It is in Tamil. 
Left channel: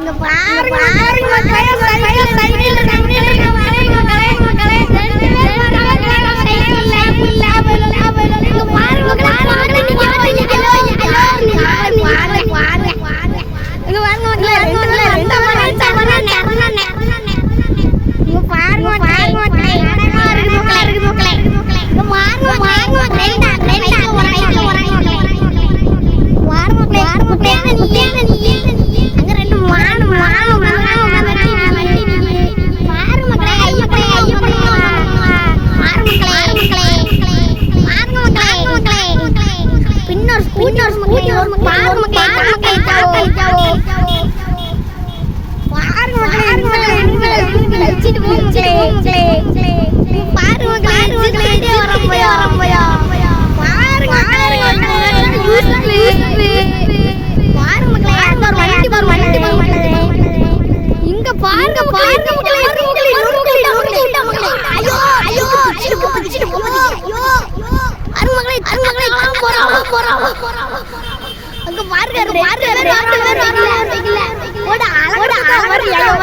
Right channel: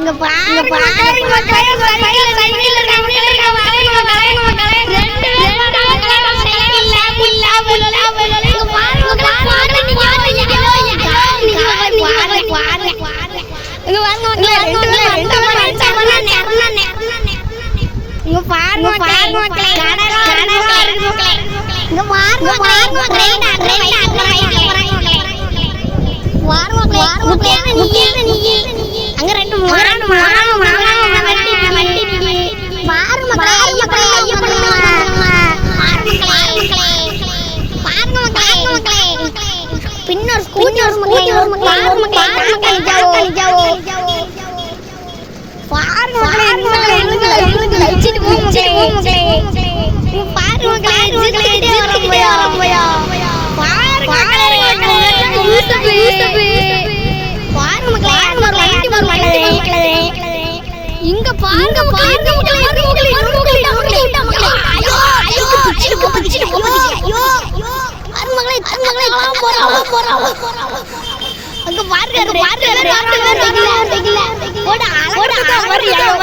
இங்க பாருங்க மக்களே, சைக்கிள் இருக்காங்க மக்களே, ரெண்டு பேர் வராங்க சைக்கிள்ல புல்ல இங்க பாருங்க மக்களே, நீங்க இங்க பாருங்க மக்களே, அங்க ரெண்டு பின்னர் ஸ்கூட்டர் இங்க பாருங்க அங்க பாருங்க